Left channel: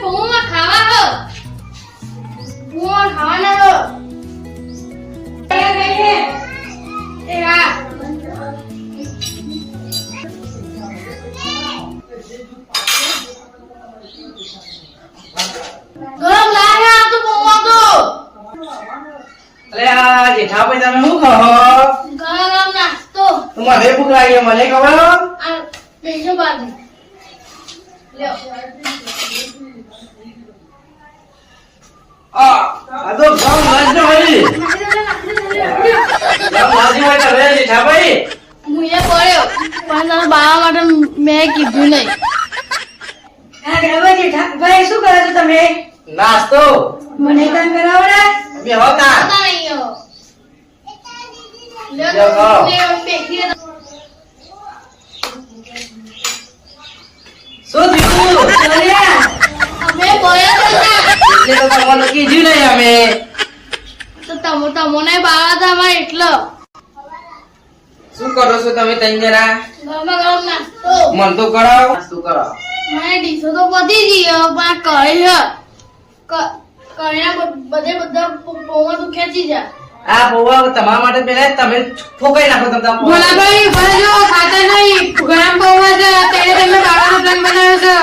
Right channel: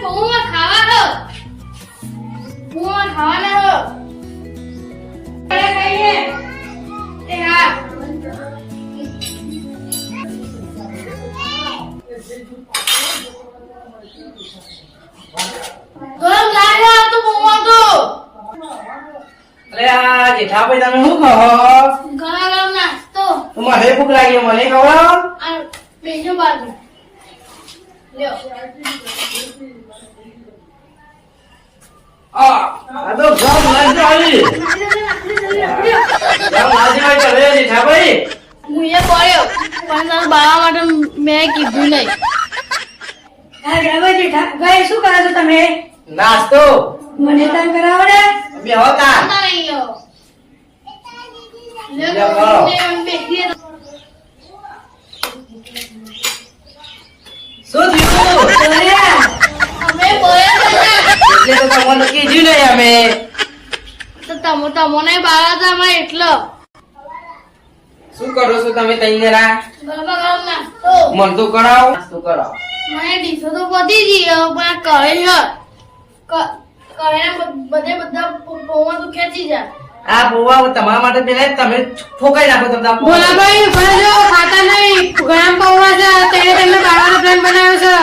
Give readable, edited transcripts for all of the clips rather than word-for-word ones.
પૌવા ખાવા હો પૌવા ખાવાના હો એ હા ગરમ લાયા તો પૌવા તો અરે આ જેઠાભાઈ તમે શું કહો ગરમ નાસ્તો મને ભૂખ લાગી મને ખવડાવો આ બેજો બાજુ લ્યો આ તો ગામ લાજ ન હોય ગામ લાજ ન હોય તમે જેઠાભાઈ હું એ પડ્યો પણ તારા બાવા માટે મેં કીધું નહીં ભાઈ શું કરો છો તમે નાસ્તો મને તને કરાવડા બે હોતા પતા નહીં હો લ્યો, લ્યો કરો. લ્યો બેઠી શું થયું અમે બોયા એટલે તો તમને કીધું નહીં અમે તો તમને બાળા હતા અમારે એટલો શું કરો છો તમે તઈ જરા ગરમા ગરમ નાસ્તો મન તો કરાવો નાસ્તો કરાવો મને ડીશો તો પતી ગયો પણ કહીને બધા પૌવા તો ખેંચી જા આ પૌવા તમારા માટે પેલા તમે ઠોકાઈ નાખો તમે ભોલાભાઈ ભલે જો ખાતા નહીં ગરમ પૌવા છે તેને તમે કાઢવાનો પ્લાન બનાવ્યો છે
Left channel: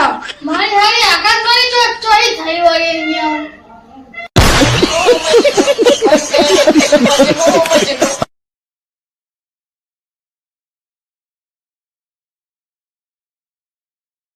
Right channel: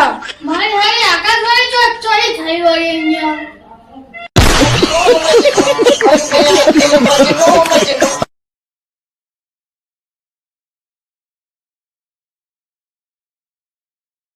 મારી હારી આકાશવાણી ચોરી થઈ હોય અહીંયા